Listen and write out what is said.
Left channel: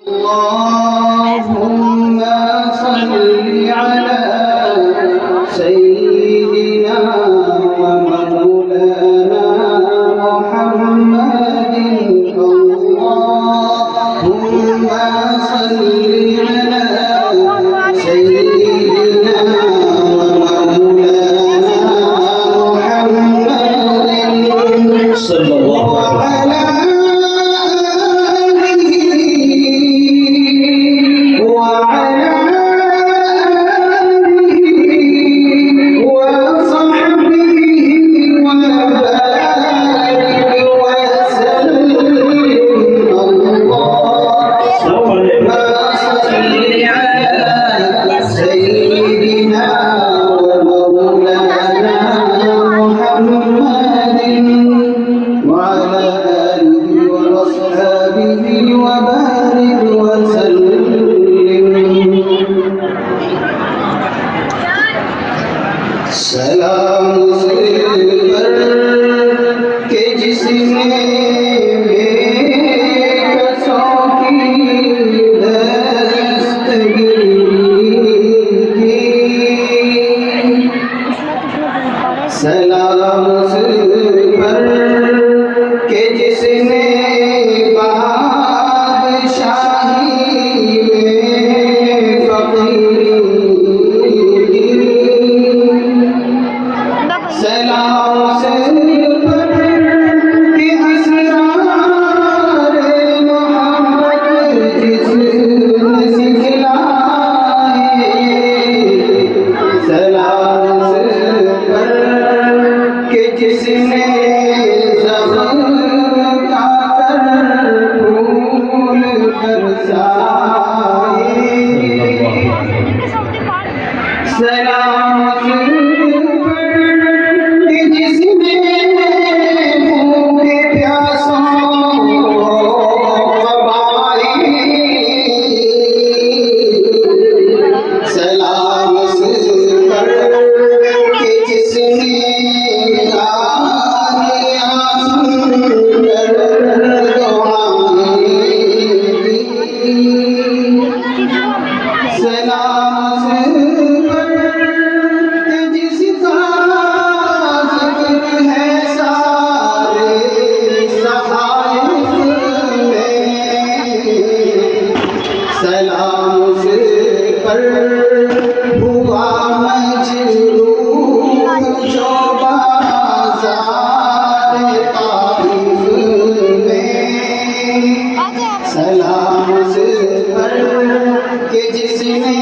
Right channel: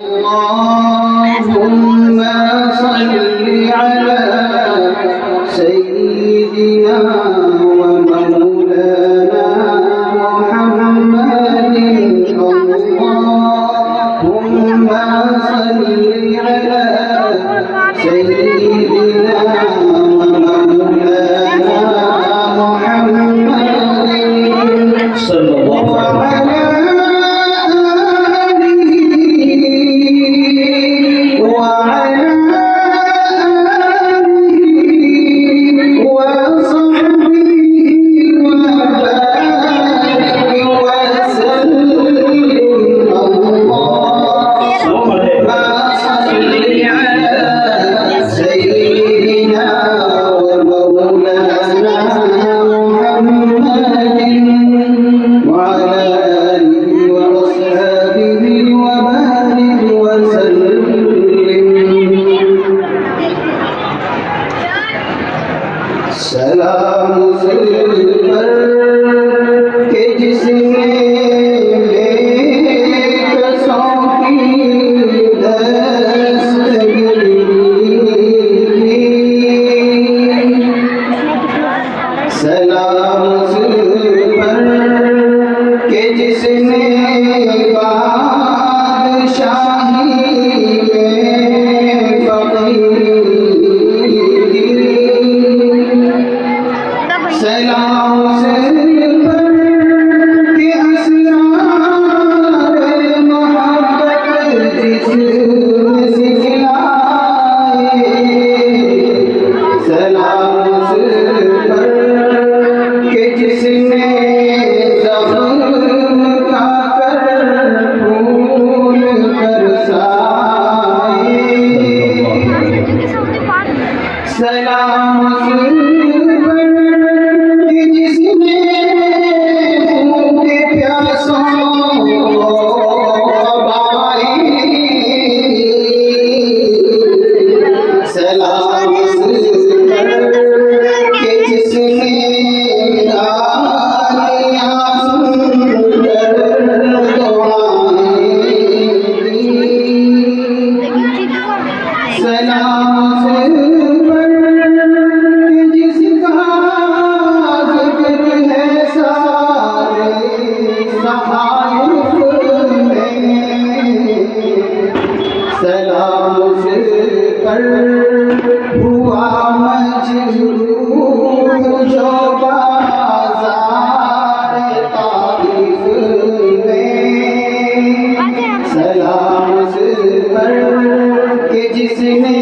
اللهم صل على سيدنا ومولانا محمد اللهم صل على سيدنا ومولانا محمد صلى الله عليه وسلم सलाम सिर के जिसने बेकसों की दस्तगीरी की। सलाम सिर के जिसने बादशाही में फकीरी। सलाम सिर के असरार मोहब्बत जिसने सिखलाए। सलाम सिर के जिसने ज़ख्म खाकर फूल बरसाए। सलाम सलाम पर हुआ मजरूर जो बाज़ार ताइफ में। सलाम पर के जिसने